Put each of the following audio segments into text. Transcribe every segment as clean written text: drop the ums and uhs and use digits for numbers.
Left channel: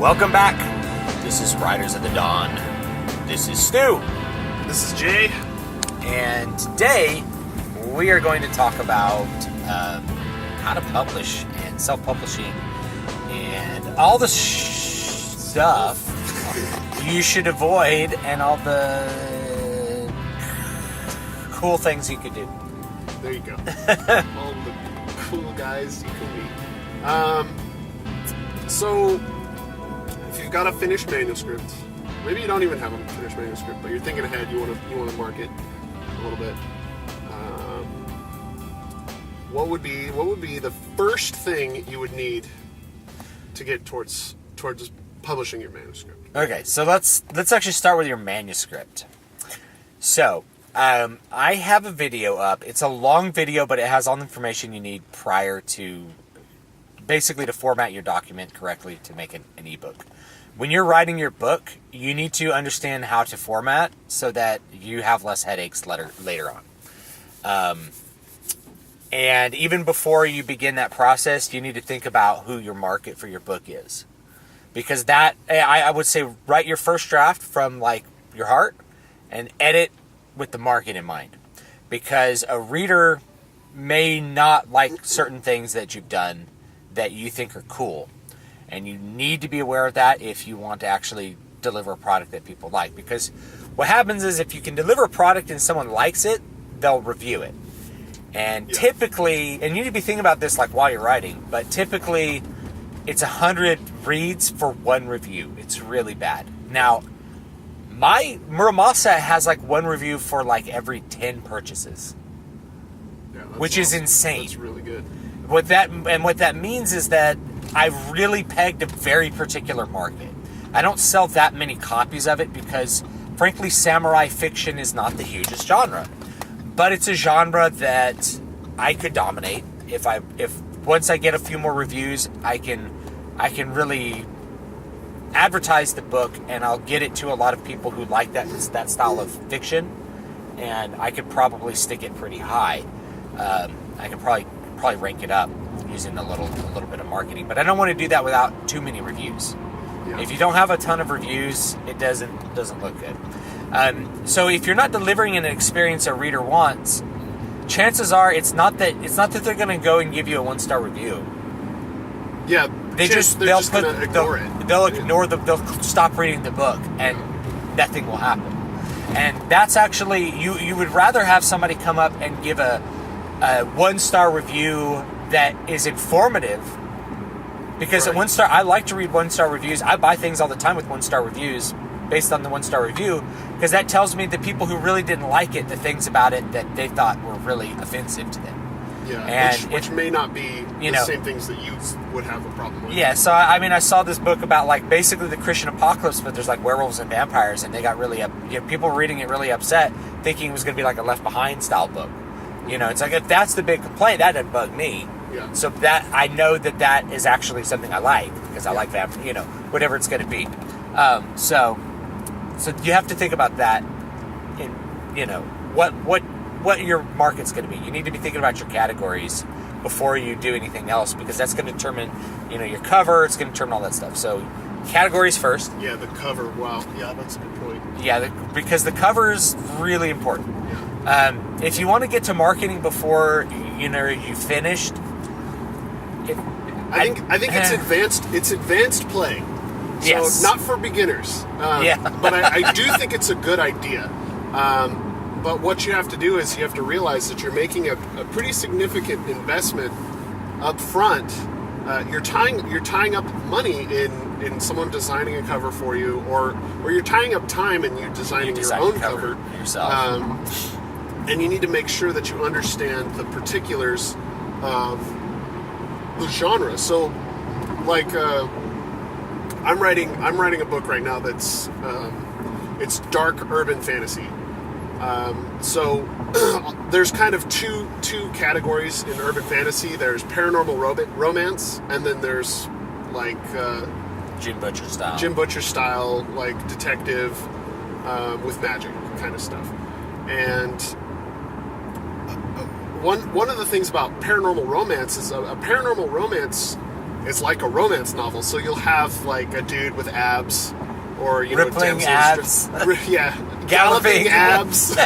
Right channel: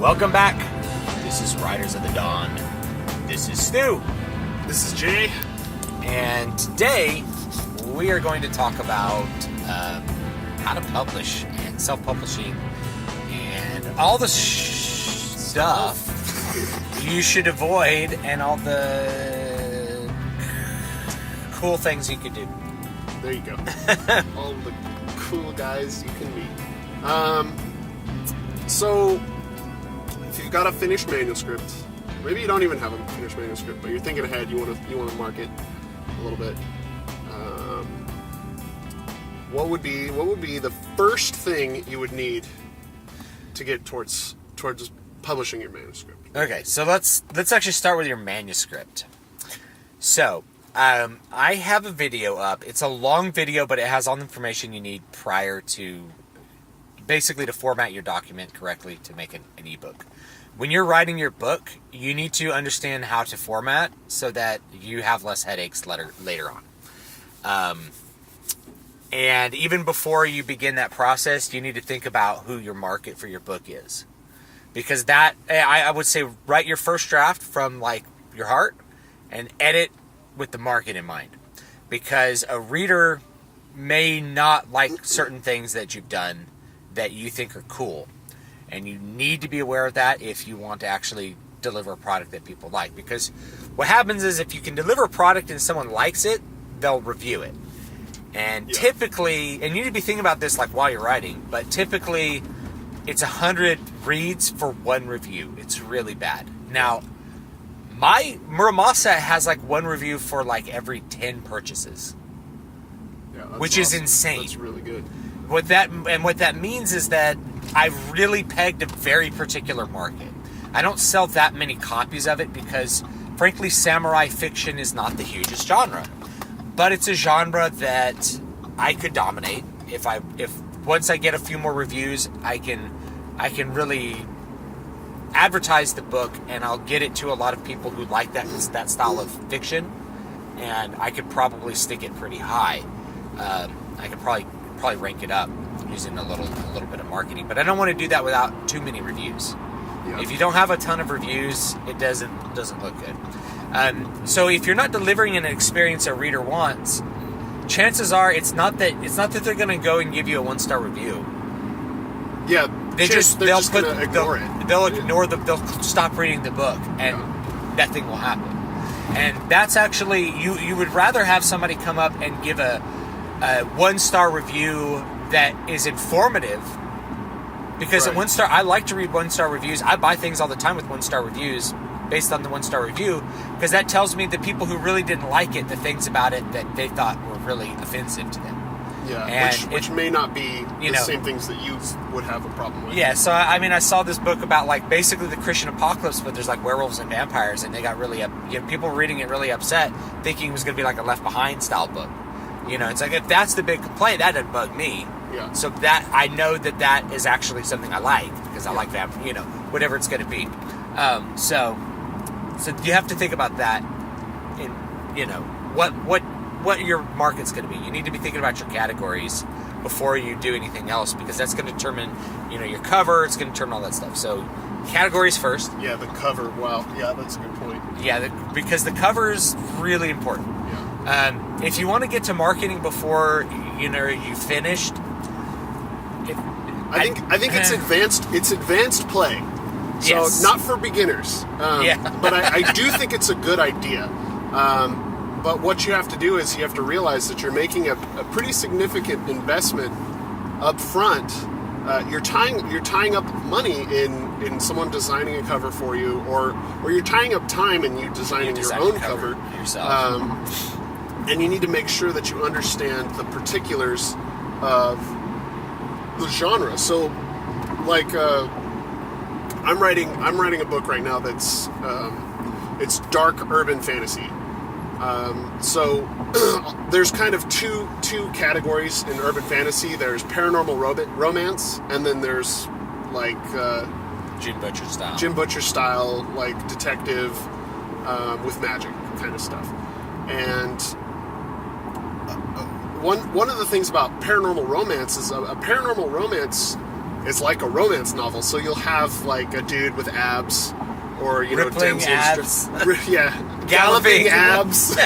Welcome back. This is Riders of the Dawn. This is Stu. This is Jay. And today we are going to talk about how to publish and self-publishing and all the stuff you should avoid and all the cool things you could do. There you go. All the cool guys you can meet. So, if you've got a finished manuscript, maybe you don't even have a finished manuscript, but you're thinking ahead. You want to market a little bit. What would be the first thing you would need to get towards publishing your manuscript? Okay, so let's actually start with your manuscript. So, I have a video up. It's a long video, but it has all the information you need prior to, basically to format your document correctly to make an ebook. When you're writing your book, you need to understand how to format so that you have less headaches later on. And even before you begin that process, you need to think about who your market for your book is. Because that, I would say, write your first draft from like your heart and edit with the market in mind. Because a reader may not like certain things that you've done that you think are cool. And you need to be aware of that if you want to actually deliver a product that people like. Because what happens is if you can deliver a product and someone likes it, they'll review it. And typically, and you need to be thinking about this like while you're writing, but typically it's 100 reads for one review. It's really bad. Now, my Muramasa has like one review for like every 10 purchases, which is insane. That's really good. What that means is that I've really pegged a very particular market. I don't sell that many copies of it because, frankly, samurai fiction is not the hugest genre. But it's a genre that I could dominate if once I get a few more reviews, I can really advertise the book and I'll get it to a lot of people who like that style of fiction, and I could probably stick it pretty high. I could probably rank it up using a little bit of marketing, but I don't want to do that without too many reviews. Yeah. If you don't have a ton of reviews, it doesn't look good. So if you're not delivering an experience a reader wants, chances are it's not that they're going to go and give you a 1-star review. Yeah, they'll stop reading the book and nothing will happen. And that's actually you would rather have somebody come up and give a 1-star review that is informative. Because at 1-star, I like to read 1-star reviews. I buy things all the time with 1-star reviews based on the 1-star review, because that tells me the people who really didn't like it, the things about it that they thought were really offensive to them. Yeah, and which may not be the same things that you would have a problem with. Yeah, so I mean, I saw this book about like basically the Christian apocalypse, but there's like werewolves and vampires, and they got really people were reading it really upset, thinking it was going to be like a Left Behind style book. It's like if that's the big complaint, that doesn't bug me. Yeah. So that I know that is actually something I like because I like that, whatever it's going to be. So you have to think about that in, what your market's going to be. You need to be thinking about your categories before you do anything else, because that's going to determine, your cover. It's going to determine all that stuff. So categories first. Yeah, the cover. Wow. Yeah, that's a good point. Yeah, because the cover is really important. Yeah. If you want to get to marketing before you finished, I think it's advanced. It's advanced play. So yes. Not for beginners. But I do think it's a good idea. But what you have to do is you have to realize that you're making a pretty significant investment up front. You're tying up money in someone designing a cover for you, or you're tying up time in you designing your own cover yourself. And you need to make sure that you understand the particulars of the genre. So, like, I'm writing a book right now that's it's dark urban fantasy. So there's kind of two categories in urban fantasy. There's paranormal romance, and then there's like Jim Butcher style, like detective with magic kind of stuff. And one of the things about paranormal romance is a paranormal romance it's like a romance novel. So you'll have like a dude with abs, or rippling abs, yeah, galloping abs,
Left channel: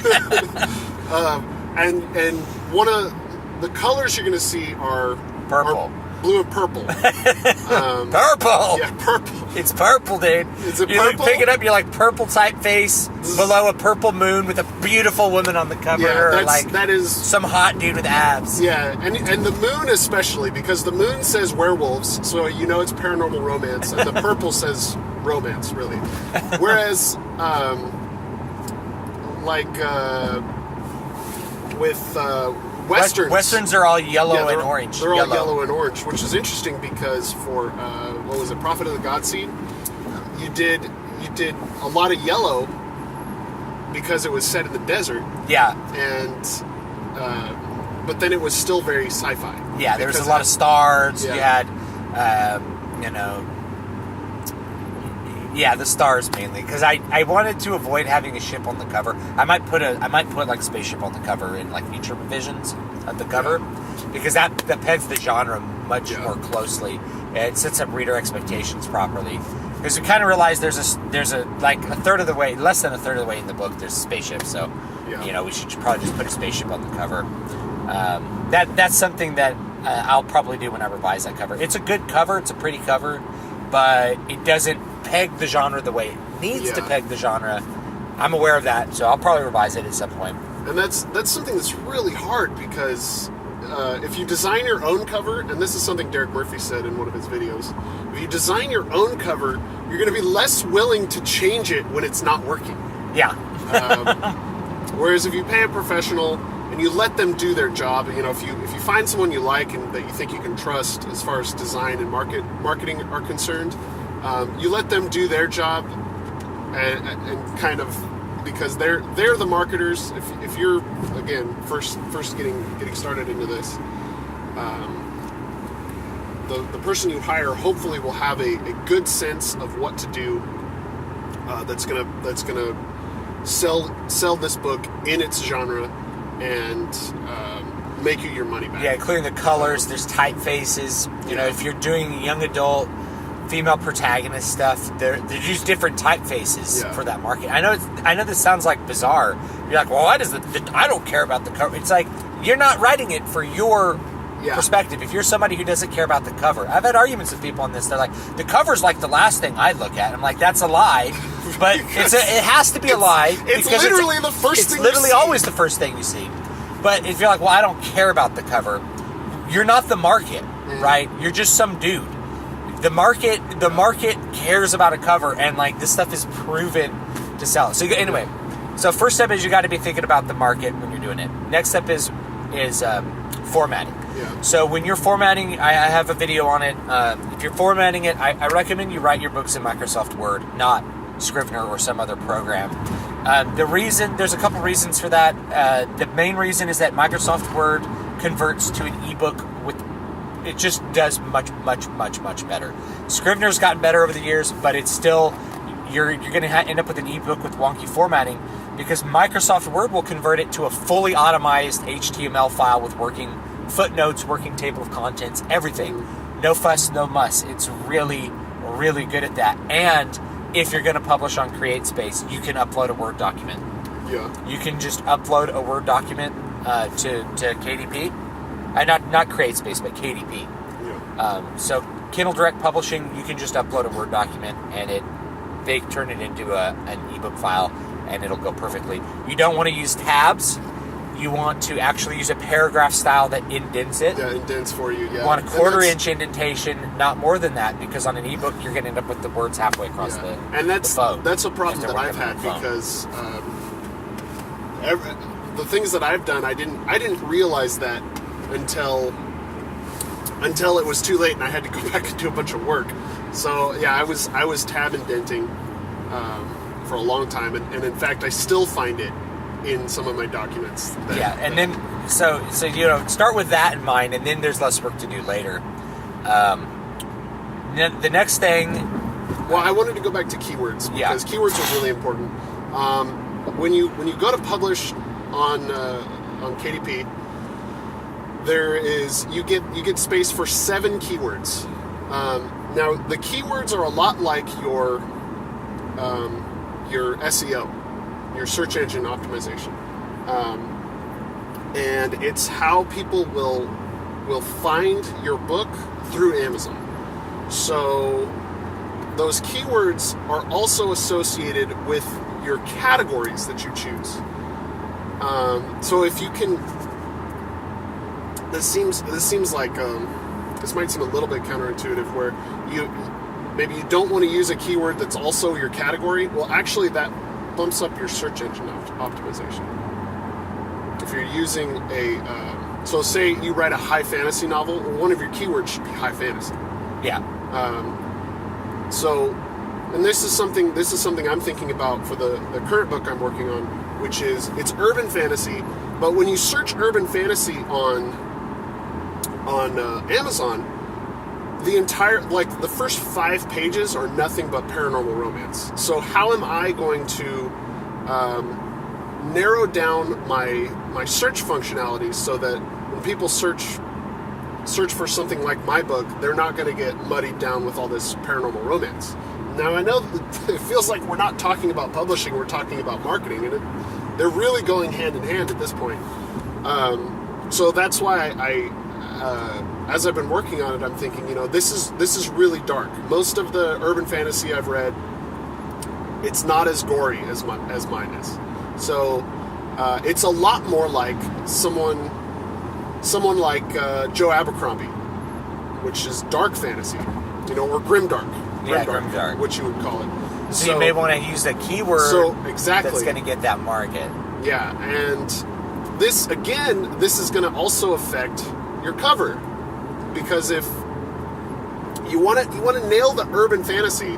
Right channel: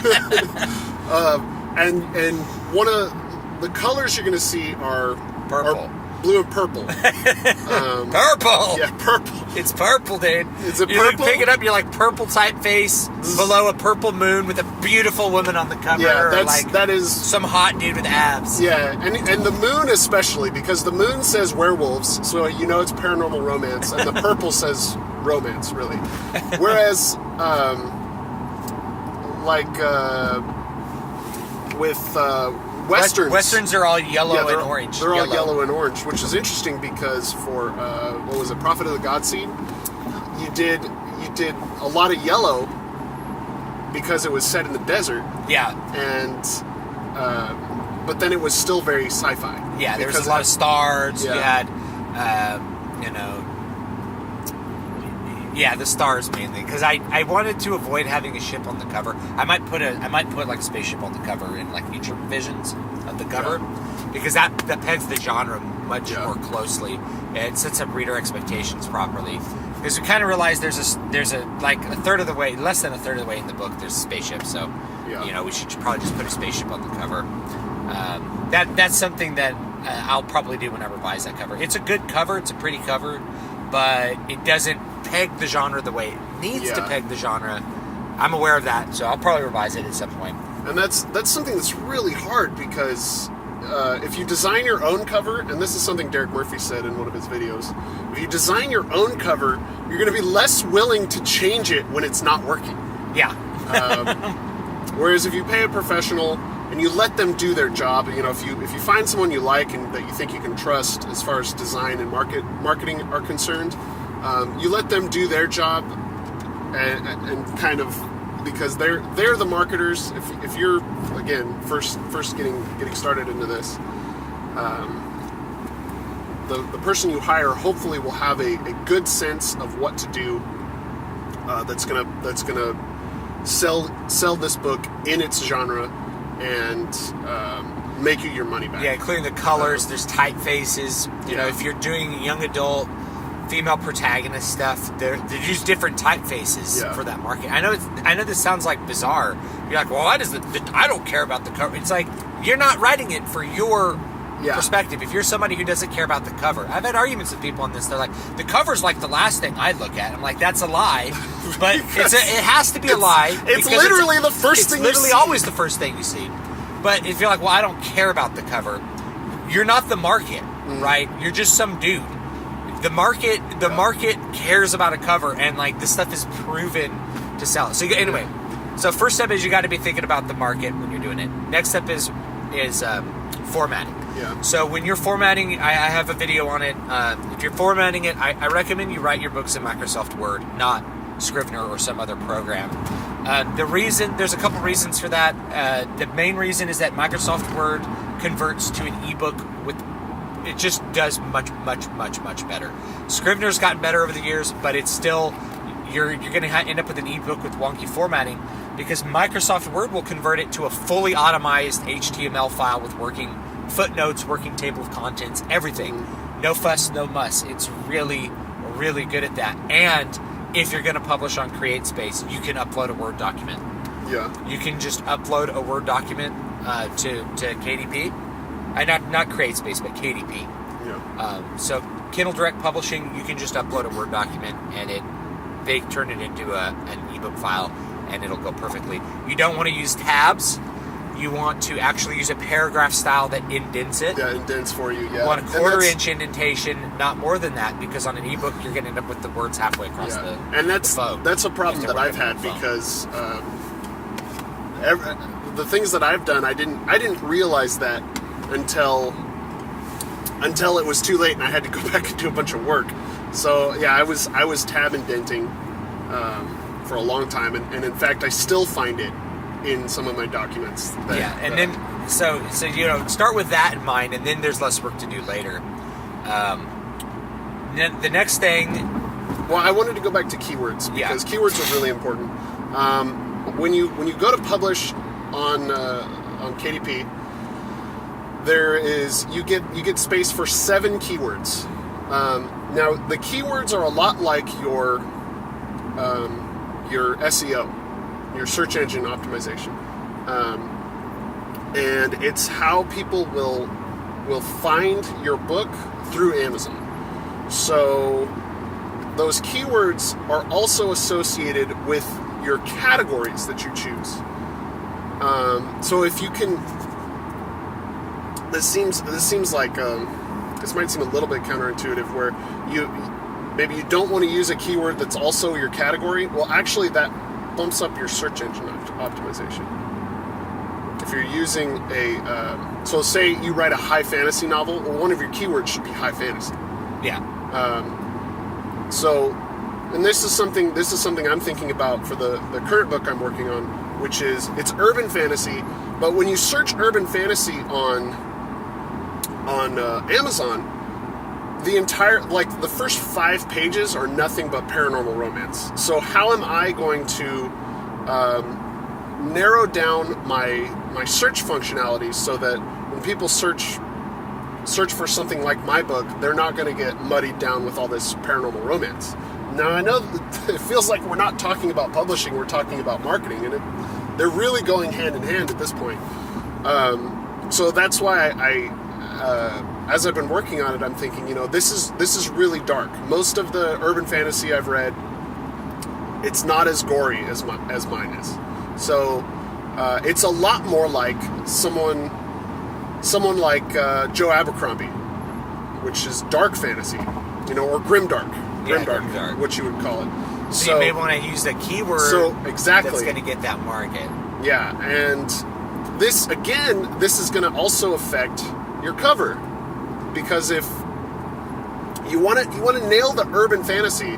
and one of the colors you're going to see are purple. Blue and purple. Purple. Yeah, purple. It's purple, dude. Is it you purple? Pick it up. You're like purple typeface below a purple moon with a beautiful woman on the cover, Yeah, or like that is some hot dude with abs. Yeah, and the moon especially, because the moon says werewolves, so it's paranormal romance, and the purple says romance, really. Whereas, with Westerns are all yellow and orange. They're all yellow and orange, which is interesting because for what was it, Prophet of the God Seed, you did a lot of yellow because it was set in the desert. Yeah. And but then it was still very sci-fi. Yeah, there was a lot of stars. Yeah. You had the stars mainly, because I wanted to avoid having a ship on the cover. I might put like a spaceship on the cover in like future visions of the cover, because that pegs the genre much more closely. It sets up reader expectations properly. Because we kind of realize there's a like less than a third of the way in the book there's a spaceship, so we should probably just put a spaceship on the cover. That's something that I'll probably do when I revise that cover. It's a good cover, it's a pretty cover, but it doesn't peg the genre the way it needs to peg the genre. I'm aware of that, so I'll probably revise it at some point. And that's something that's really hard, because if you design your own cover, and this is something Derek Murphy said in one of his videos, if you design your own cover, you're going to be less willing to change it when it's not working. Yeah. Whereas if you pay a professional and you let them do their job, if you find someone you like and that you think you can trust as far as design and marketing are concerned, you let them do their job, and kind of, because they're the marketers. If you're, again, first getting started into this, the person you hire hopefully will have a good sense of what to do. That's gonna sell this book in its genre and make you your money back. Yeah, including the colors. There's typefaces. If you're doing young adult female protagonist stuff, they're just different typefaces for that market. I know this sounds like bizarre. You're like, well, I don't care about the cover. It's like, you're not writing it for your perspective. If you're somebody who doesn't care about the cover, I've had arguments with people on this. They're like, the cover's like the last thing I look at. I'm like, that's a lie, but it has to be a lie. It's literally the first thing. It's literally always the first thing you see. But if you're like, well, I don't care about the cover, you're not the market, right? You're just some dude. The market cares about a cover, and like this stuff is proven to sell. So anyway, first step is you got to be thinking about the market when you're doing it. Next step is formatting. Yeah. So when you're formatting, I have a video on it. If you're formatting it, I recommend you write your books in Microsoft Word, not Scrivener or some other program. There's a couple reasons for that. The main reason is that Microsoft Word converts to an ebook it just does much, much, much, much better. Scrivener's gotten better over the years, but it's still, you're going to end up with an ebook with wonky formatting, because Microsoft Word will convert it to a fully automized HTML file with working footnotes, working table of contents, everything. No fuss, no muss. It's really, really good at that. And if you're going to publish on CreateSpace, you can upload a Word document. Yeah. You can just upload a Word document to KDP. Not CreateSpace, but KDP. Yeah. So Kindle Direct Publishing, you can just upload a Word document, and they turn it into an ebook file, and it'll go perfectly. You don't want to use tabs. You want to actually use a paragraph style that indents it. Yeah, indents for you. Yeah. You want a quarter-inch indentation, not more than that, because on an ebook you're going to end up with the words halfway across the phone. That's a problem that I've had, because the things that I've done, I didn't realize that until it was too late and I had to go back and do a bunch of work. So I was tab indenting for a long time, and in fact I still find it in some of my documents. Then start with that in mind, and then there's less work to do later. The next thing. Well, I wanted to go back to keywords, because keywords are really important. When you go to publish on KDP, you get space for 7 keywords. Now, the keywords are a lot like your SEO, your search engine optimization, and it's how people will find your book through Amazon. So those keywords are also associated with your categories that you choose. So if you can, this seems like this might seem a little bit counterintuitive, where maybe you don't want to use a keyword that's also your category. Well, actually, that bumps up your search engine optimization. If you're using so say you write a high fantasy novel, well, one of your keywords should be high fantasy. Yeah. And this is something I'm thinking about for the current book I'm working on, which is, it's urban fantasy, but when you search urban fantasy on Amazon, the first 5 pages are nothing but paranormal romance. So how am I going to narrow down my search functionality so that when people search for something like my book, they're not going to get muddied down with all this paranormal romance? Now, I know it feels like we're not talking about publishing, we're talking about marketing, and they're really going hand in hand at this point. So that's why as I've been working on it, I'm thinking, this is really dark. Most of the urban fantasy I've read, it's not as gory as mine is. So it's a lot more like someone like Joe Abercrombie, which is dark fantasy, or grimdark. Grimdark, what you would call it. So you may want to use the keyword exactly that's going to get that market. Yeah, and this is going to also affect your cover, because if you want to nail the urban fantasy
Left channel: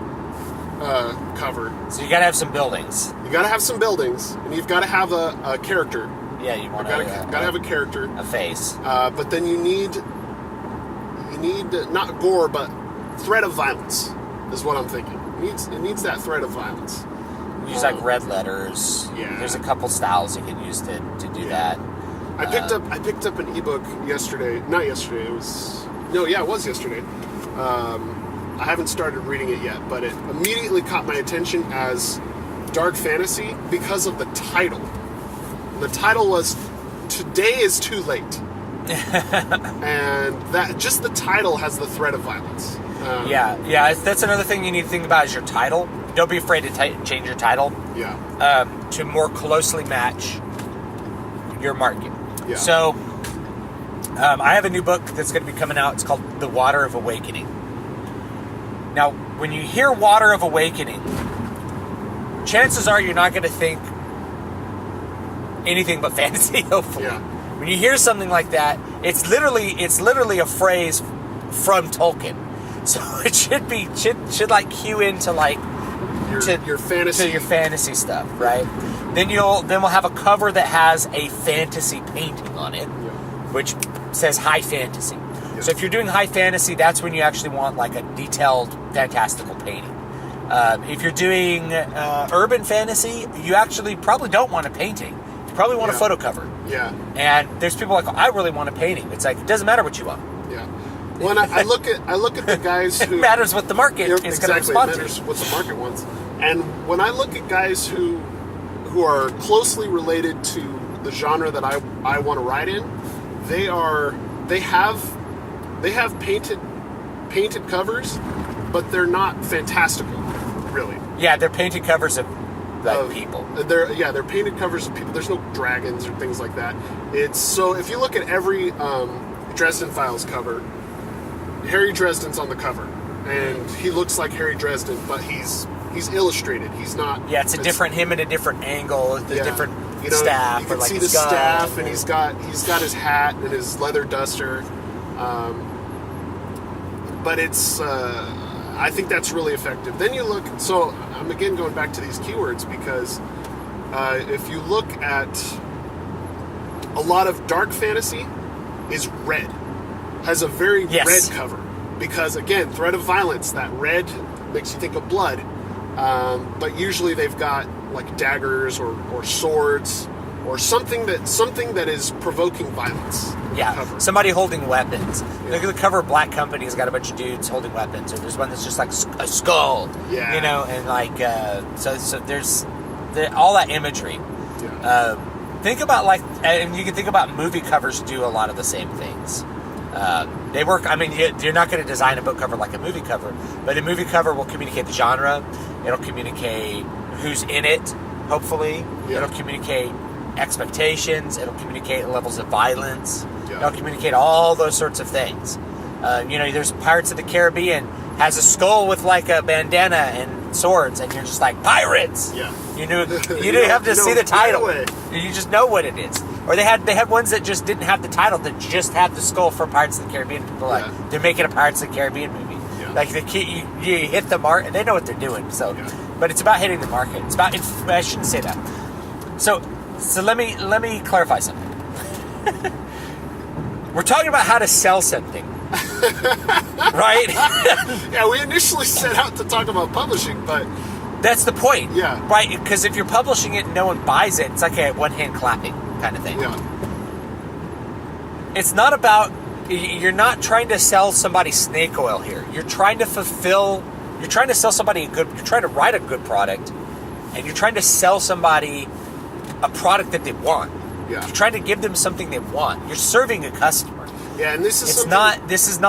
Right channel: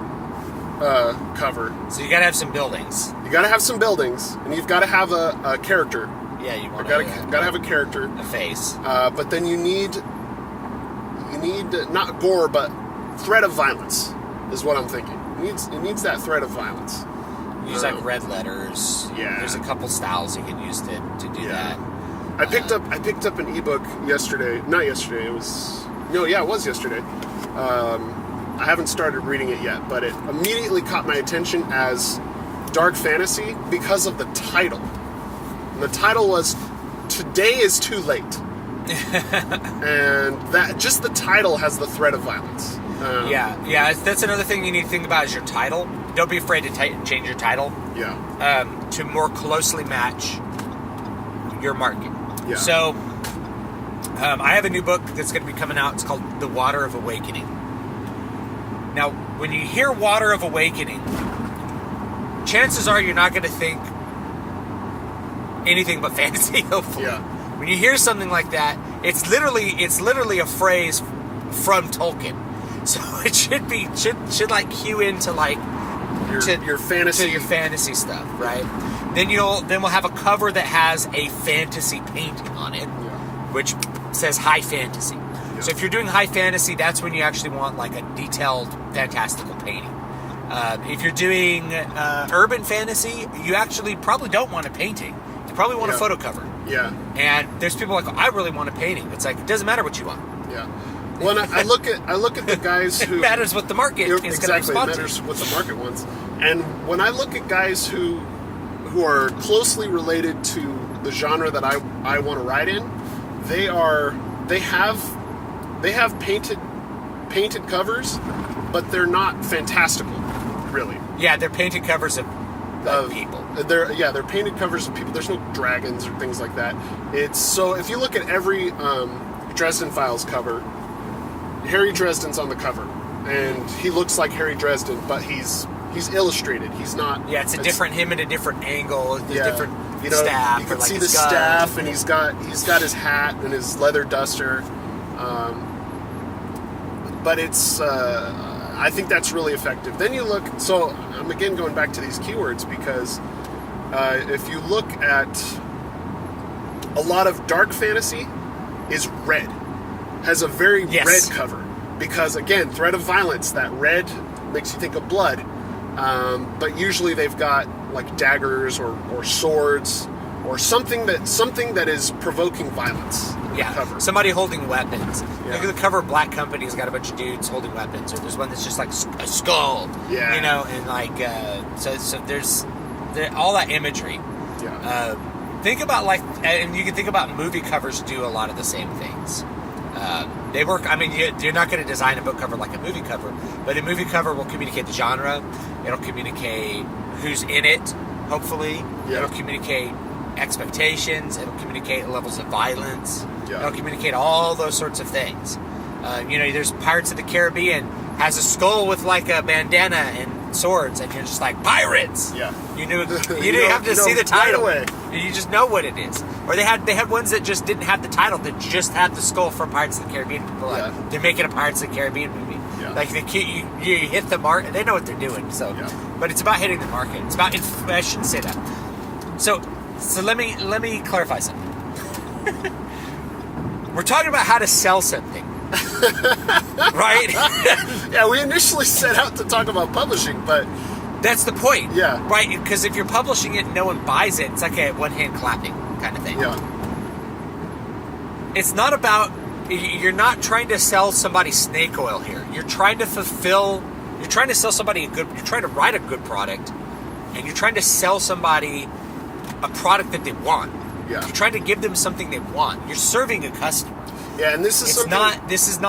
cover, so you got to have some buildings. You got to have some buildings, and you've got to have a character. Yeah, you want to have a character, a face. But then you need not gore, but threat of violence is what I'm thinking. It needs that threat of violence. Use like red letters. Yeah. There's a couple styles you can use to do that. I picked up an ebook yesterday. Not yesterday. It was yesterday. I haven't started reading it yet, but it immediately caught my attention as dark fantasy because of the title. The title was "Today is Too Late," and that just the title has the threat of violence. Yeah. That's another thing you need to think about is your title. Don't be afraid to change your title. Yeah. To more closely match your market. Yeah. So, I have a new book that's going to be coming out. It's called The Water of Awakening. Now, when you hear Water of Awakening, chances are you're not going to think anything but fantasy, hopefully. Yeah. When you hear something like that, it's literally a phrase from Tolkien. So it should like cue into like your fantasy to your fantasy stuff, right? Then we'll have a cover that has a fantasy painting on it, which says high fantasy. Yeah. So if you're doing high fantasy, that's when you actually want like a detailed fantastical painting. If you're doing urban fantasy, you actually probably don't want a painting. You probably want a photo cover. Yeah. And there's people like, I really want a painting. It's like, it doesn't matter what you want. Yeah. When I look at the guys who... It matters what the market is going to respond to. It matters what the market wants. And when I look at guys who are closely related to the genre that I want to write in, they have painted covers, but they're not fantastical, really. Yeah, they're painted covers of people. They're painted covers of people. There's no dragons or things like that. So if you look at every Dresden Files cover, Harry Dresden's on the cover, and he looks like Harry Dresden, but he's illustrated. He's not. Yeah, it's him at a different angle, different staff. You can like see his the gun. staff, and he's got his hat and his leather duster. But it's I think that's really effective. Then you look. So I'm again going back to these keywords because if you look at a lot of dark fantasy, is red. Has a very red cover because, again, threat of violence. That red makes you think of blood, but usually they've got like daggers or swords or something that is provoking violence. cover. somebody holding weapons. Yeah. Look at the cover of Black Company. Has got a bunch of dudes holding weapons, or there's one that's just like a skull. Yeah. You know, and like so there's all that imagery. Yeah. Think about and you can think about movie covers do a lot of the same things. They work. I mean, you're not going to design a book cover like a movie cover, but a movie cover will communicate the genre. It'll communicate who's in it. Hopefully, it'll communicate expectations. It'll communicate levels of violence. Yeah. It'll communicate all those sorts of things. There's Pirates of the Caribbean has a skull with like a bandana and swords, and you're just like, pirates. Yeah. You didn't have to see the title. Right away. You just know what it is. Or they had ones that just didn't have the title, that just had the skull for Pirates of the Caribbean. People are like, they're making a Pirates of the Caribbean movie. Yeah. Like you hit the mark, and they know what they're doing. So, but it's about hitting the market. It's about. I shouldn't say that. So let me clarify something. We're talking about how to sell something, right? Yeah, we initially set out to talk about publishing, but that's the point. Yeah. Right. Because if you're publishing it and no one buys it, it's like a one-hand clapping kind of thing. Yeah. It's not about. You're not trying to sell somebody snake oil here. You're trying to fulfill. You're trying to sell somebody a good. You're trying to write a good product, and you're trying to sell somebody a product that they want. Yeah. You're trying to give them something they want. You're serving a customer. Yeah, and this is It's something... not. This is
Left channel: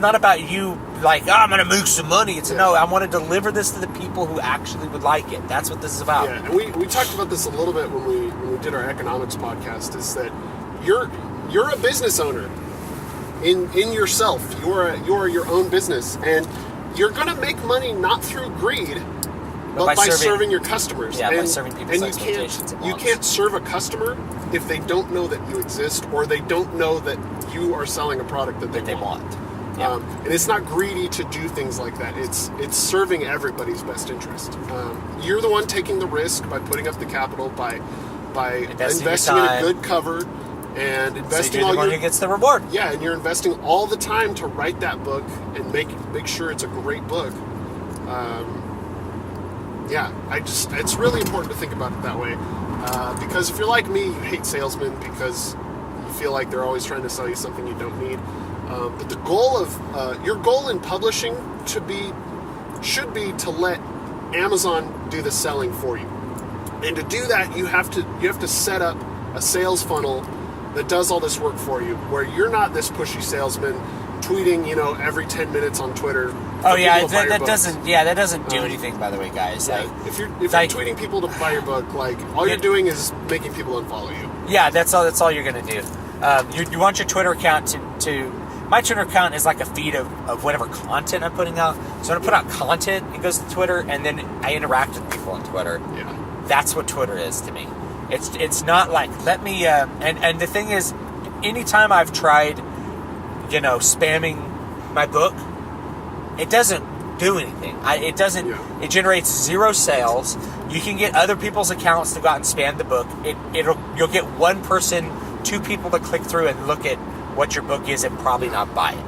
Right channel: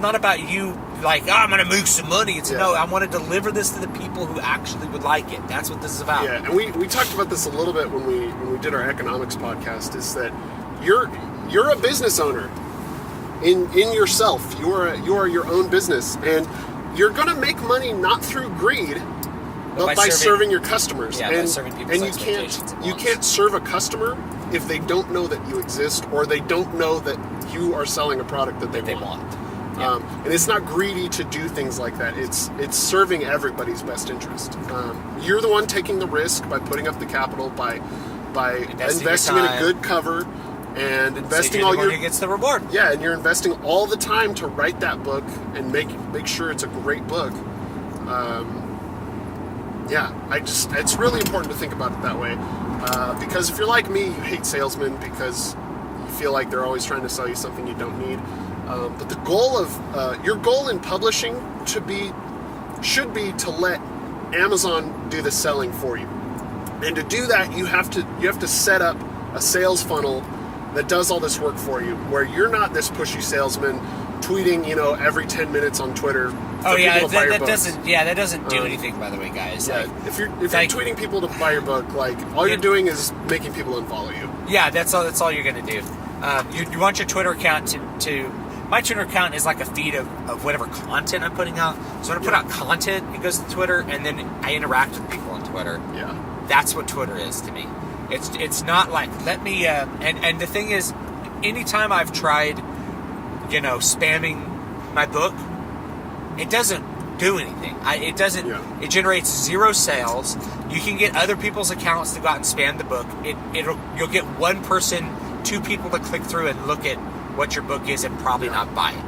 not about you. Like, oh, I'm going to make some money. It's no. I want to deliver this to the people who actually would like it. That's what this is about. Yeah, and we talked about this a little bit when we did our economics podcast. Is that you're a business owner in yourself. You are your own business, and you're going to make money not through greed, but by serving your customers. Yeah, by serving people's expectations. You can't serve a customer if they don't know that you exist, or they don't know that you are selling a product that they want. Yeah. And it's not greedy to do things like that. It's serving everybody's best interest. You're the one taking the risk by putting up the capital, by investing in a good cover, and investing all your... who gets the reward. Yeah, and you're investing all the time to write that book and make sure it's a great book. It's really important to think about it that way. Because if you're like me, you hate salesmen because you feel like they're always trying to sell you something you don't need. But the goal of your goal in publishing should be to let Amazon do the selling for you. And to do that, you have to set up a sales funnel that does all this work for you, where you're not this pushy salesman tweeting, every 10 minutes on Twitter. Oh yeah, that doesn't do anything, by the way, guys. Yeah. Like, if you're tweeting people to buy your book, like all you're doing is making people unfollow you. Yeah, that's all you're gonna do. You want your Twitter account to my Twitter account is like a feed of whatever content I'm putting out. So when I put out content, it goes to Twitter, and then I interact with people on Twitter. Yeah, that's what Twitter is to me. It's not like let me and the thing is, anytime I've tried, spamming my book, it doesn't do anything. It doesn't. Yeah. It generates zero sales. You can get other people's accounts to go out and spam the book. You'll get one person, two people to click through and look at what your book is and probably not buy it.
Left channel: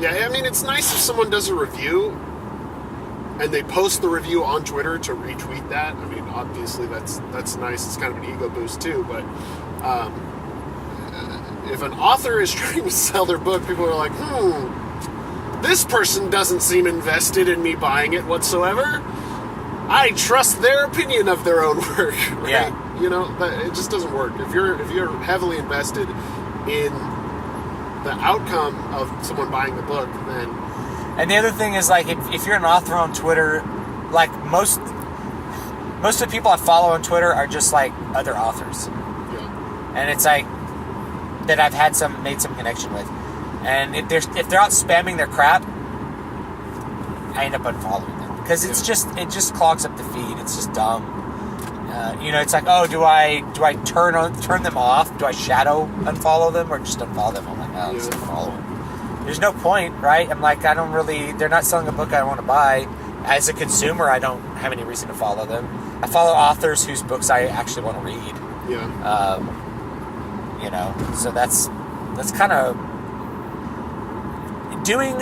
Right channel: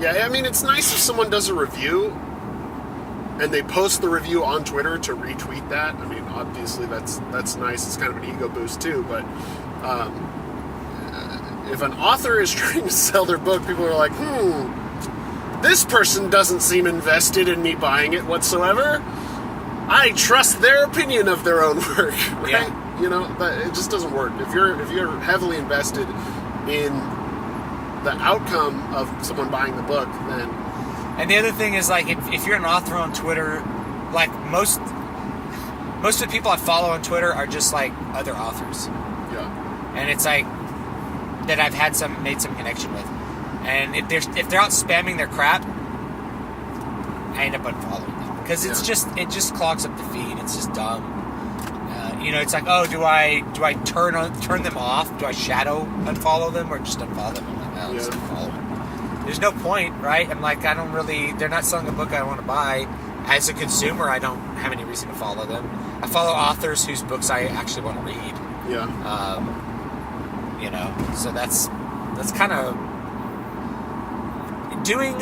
Yeah, I mean, it's nice if someone does a review and they post the review on Twitter to retweet that. I mean, obviously that's nice. It's kind of an ego boost too. But if an author is trying to sell their book, people are like, this person doesn't seem invested in me buying it whatsoever. I trust their opinion of their own work. Right? Yeah. But it just doesn't work. If you're heavily invested in the outcome of someone buying the book, then... And the other thing is, like, if you're an author on Twitter, like, most of the people I follow on Twitter are just, like, other authors. Yeah. And it's, like, that I've made some connection with. And if they're out spamming their crap, I end up unfollowing them. Because it just clogs up the feed. It's just dumb. It's like, oh, do I turn them off? Do I shadow unfollow them or just unfollow them? I'm like, just unfollow them. There's no point, right? I'm like, they're not selling a book I want to buy. As a consumer, I don't have any reason to follow them. I follow authors whose books I actually want to read. Yeah. So that's kind of doing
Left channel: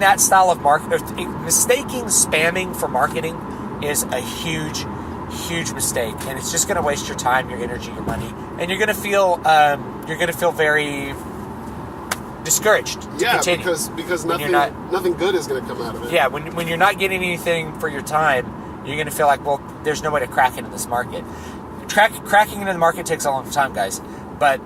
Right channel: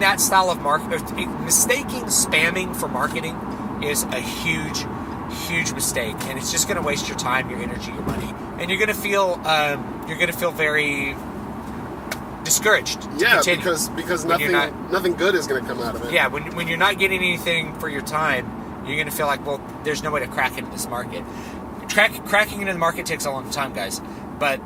that style of marketing. Mistaking spamming for marketing is a huge huge mistake, and it's just going to waste your time, your energy, your money, and you're going to feel very discouraged to continue. because nothing good is going to come out of it. Yeah, when you're not getting anything for your time, you're going to feel like, well, there's no way to crack into this market. Cracking into the market takes a long time, guys. But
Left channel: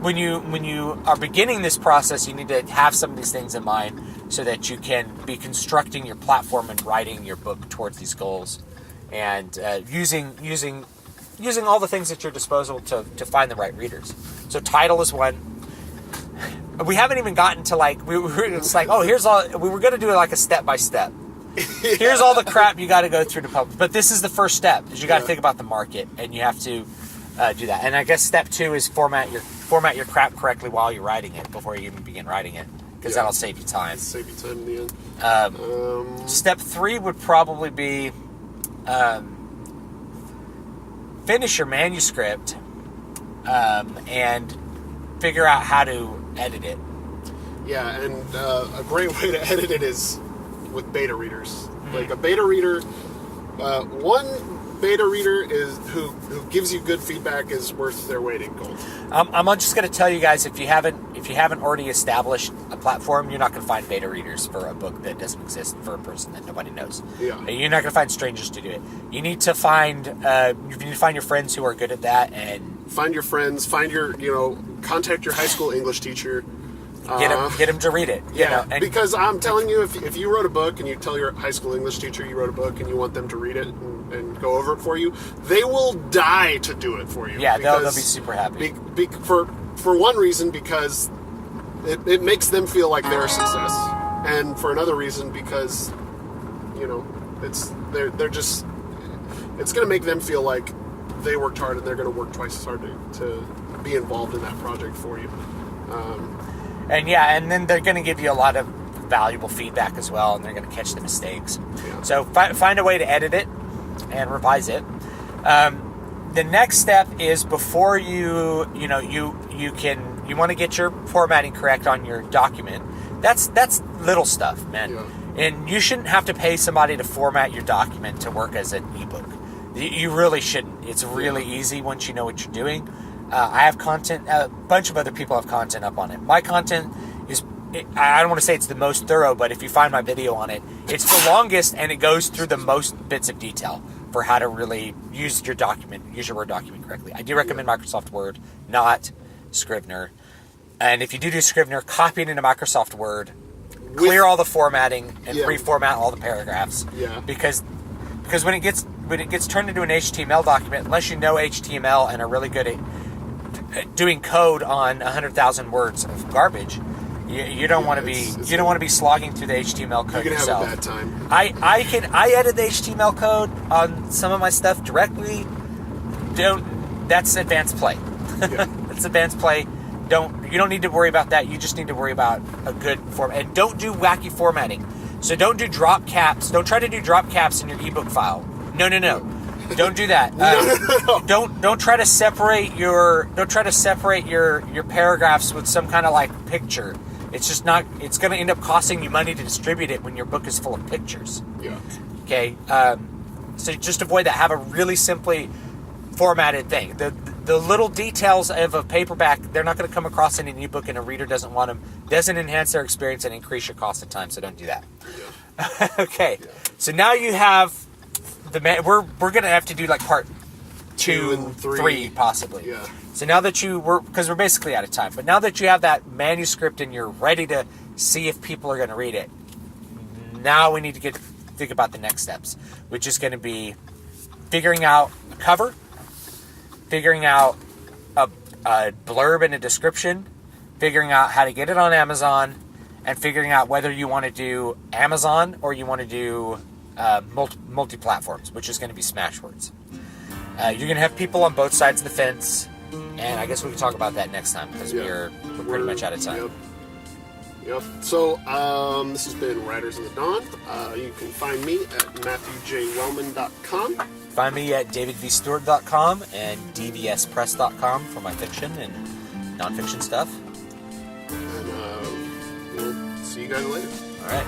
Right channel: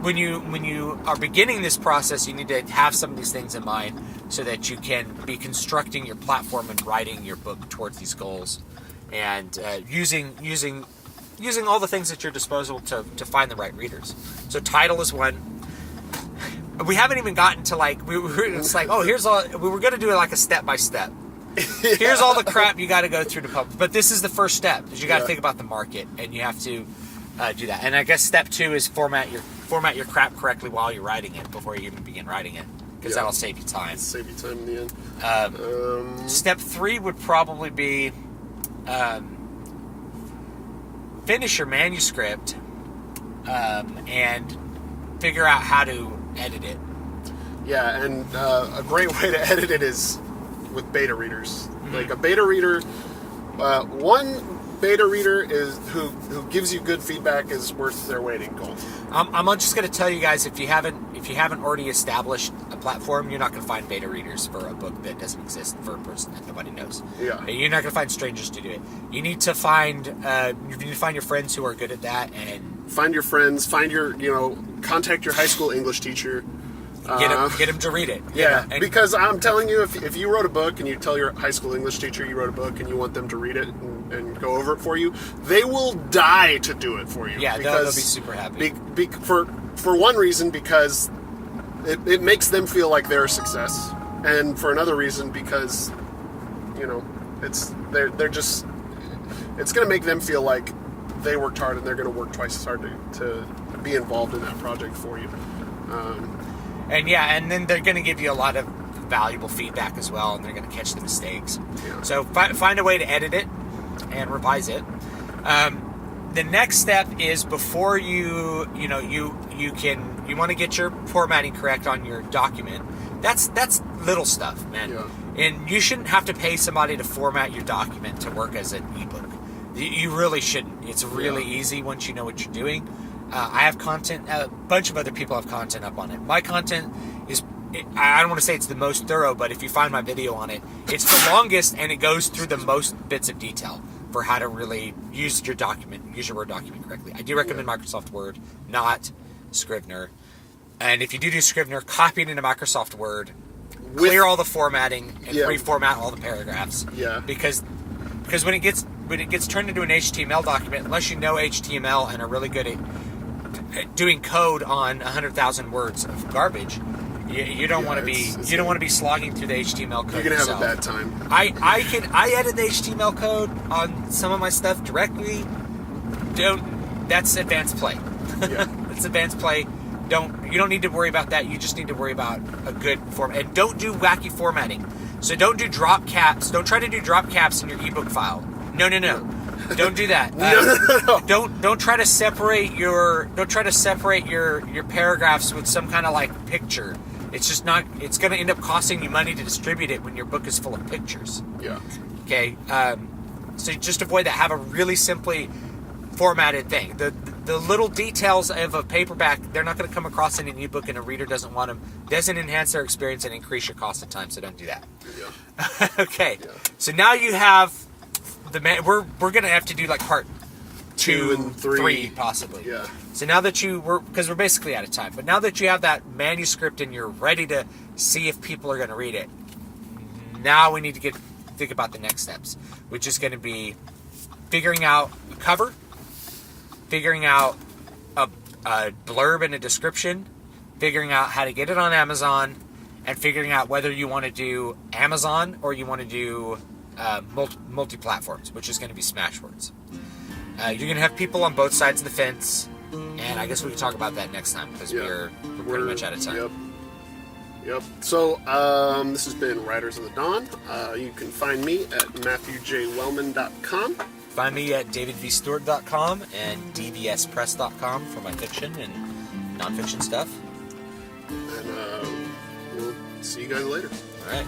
when you are beginning this process, you need to have some of these things in mind so that you can be constructing your platform and writing your book towards these goals, and using all the things at your disposal to find the right readers. So title is one. We haven't even gotten to it's like, oh, here's all, we were going to do it like a step by step. Here's all the crap you got to go through to publish. But this is the first step, is you got to think about the market, and you have to do that. And I guess step 2 is format your crap correctly while you're writing it before you even begin writing it, because that'll save you time. Save you time in the end. Step 3 would probably be finish your manuscript and figure out how to edit it. Yeah, and a great way to edit it is with beta readers. Like a beta reader, one beta reader is who gives you good feedback is worth their weight in gold. I'm just going to tell you guys, if you haven't already established a platform, you're not going to find beta readers for a book that doesn't exist, for a person that nobody knows. Yeah, you're not going to find strangers to do it. You need to find your friends who are good at that, and find your friends. Find your contact your high school English teacher. Get them to read it. Because I'm telling you, if you wrote a book and you tell your high school English teacher you wrote a book and you want them to read it and go over it for you, they will die to do it for you. Yeah, they'll be super happy. For one reason, because it makes them feel like they're a success, and for another reason, because it's going to make them feel like they worked hard, and they're going to work twice as hard to be involved in that project for you. And then they're going to give you a lot of valuable feedback as well, and they're going to catch the mistakes. Yeah. So find a way to edit it and revise it. The next step is, before you want to get your formatting correct on your document. That's little stuff, man. Yeah. And you shouldn't have to pay somebody to format your document to work as an ebook. You really shouldn't. It's really easy once you know what you're doing. I have content, a bunch of other people have content up on it. My content is, I don't want to say it's the most thorough, but if you find my video on it, it's the longest, and it goes through the most bits of detail for how to really use your Word document correctly. I do recommend Microsoft Word, not Scrivener. And if you do Scrivener, copy it into Microsoft Word, clear all the formatting, and reformat all the paragraphs. Yeah. Because when it gets turned into an HTML document, unless you know HTML and are really good at doing code on 100,000 words of garbage, you don't want to be slogging through the HTML code yourself. You're gonna have a bad time. I edit the HTML code on some of my stuff directly. That's advanced play. Yeah. That's advanced play. You don't need to worry about that. You just need to worry about a good form, and don't do wacky formatting. So don't do drop caps. Don't try to do drop caps in your ebook file. No. Don't do that. No. Don't try to separate your paragraphs with some kind of like picture. It's just not. It's going to end up costing you money to distribute it when your book is full of pictures. Yeah. Okay. So just avoid that. Have a really simply formatted thing. The little details of a paperback, they're not going to come across in an ebook, and a reader doesn't want them. Doesn't enhance their experience and increase your cost of time. So don't do that. Yeah. Okay. Yeah. So now you have we're going to have to do like part 2 and 3 possibly. Yeah. So now that because we're basically out of time, but now that you have that manuscript and you're ready to see if people are going to read it, now we need to think about the next steps, which is going to be figuring out a cover, figuring out a blurb and a description, figuring out how to get it on Amazon, and figuring out whether you want to do Amazon or you want to do multi-platforms, which is going to be Smashwords. You're going to have people on both sides of the fence, and I guess we can talk about that next time, because we're pretty much out of time. Yep. So this has been Riders in the Dawn. You can find me at MatthewJWellman.com. Find me at DavidVStewart.com and DVSPress.com for my fiction and nonfiction stuff. And we'll see you guys later. All right.